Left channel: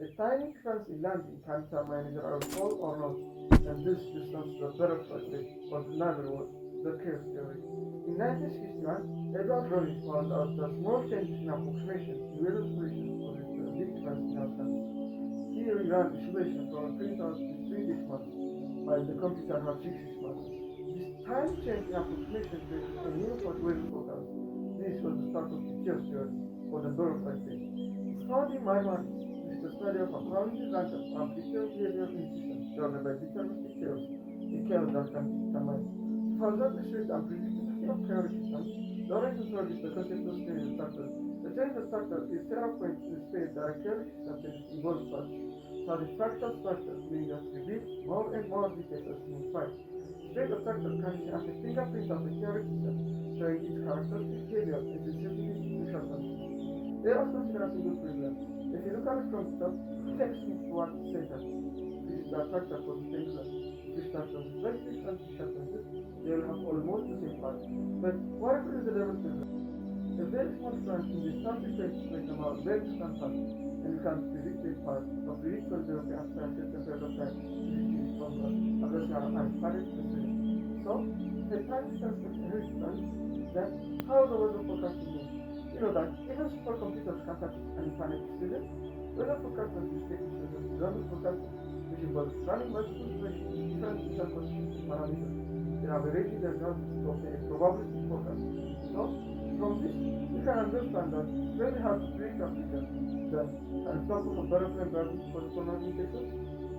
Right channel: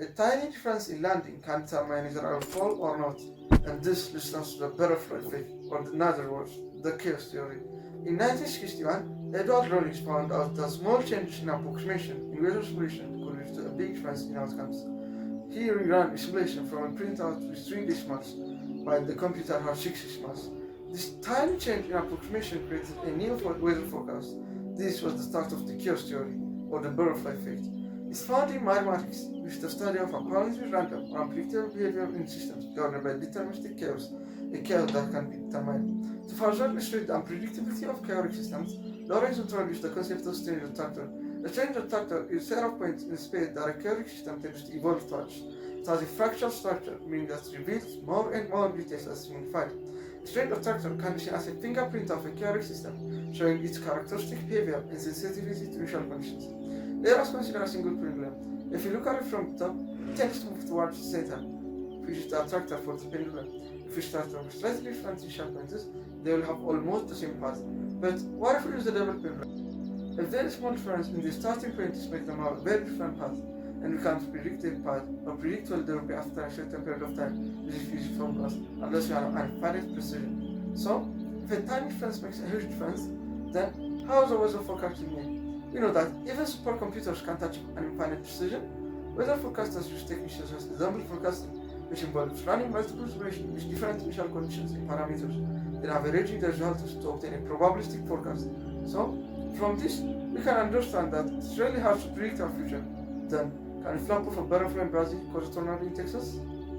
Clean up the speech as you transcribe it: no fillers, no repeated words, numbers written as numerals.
A tiny difference in landing can determine either I will fall or not, and this leads us to the butterfly effect, or in other words, the chaos theory. In 1961, Edward Lorenz found out that small changes in approximation in weather simulation could lead to a big difference in outcomes. He rerun a simulation from a printout with 3 decimals, while the computer had 6 decimals. This tiny change in approximation created a new weather forecast. This was the start of the chaos theory, or the butterfly effect. It's found in mathematics, which is the study of apparently random or unpredictable behavior in systems governed by deterministic chaos, a chaos that can be determined. To further illustrate the unpredictability of chaotic systems, Lorentz introduced the concept of strange attractor. A strange attractor is a set of points in space that a chaotic system tends to evolve towards. It has a fractal structure, meaning that it reveals more and more details as it's modified. A strange attractor can be seen as a fingerprint of a chaotic system, showing its characteristic behavior and sensitivity to initial conditions. Let us consider a single pendulum. If you look at it from the top, it tends to move towards the center, which is the attractor for the pendulum. If you start from slightly different initial points, they will have almost the same path. But what if we use the double pendulum? If there is small difference in the starting points make them have a very different path, and we can't predict the path or predict what they will be after a certain period of time using physics formulas unless we have an infinite precision. So, if a tiny difference makes a huge difference, then how is the weather forecasting made? You know that even supercomputers can't achieve an infinite precision. Weather forecasters use techniques such as ensemble forecasting, which involves running multiple simulations with different initial conditions and parameters, then averaging the results to obtain a probabilistic forecast. So, from this, we can understand that it's really hard to predict our future. Then, can a flap of a butterfly in Brazil cause a tornado in Texas?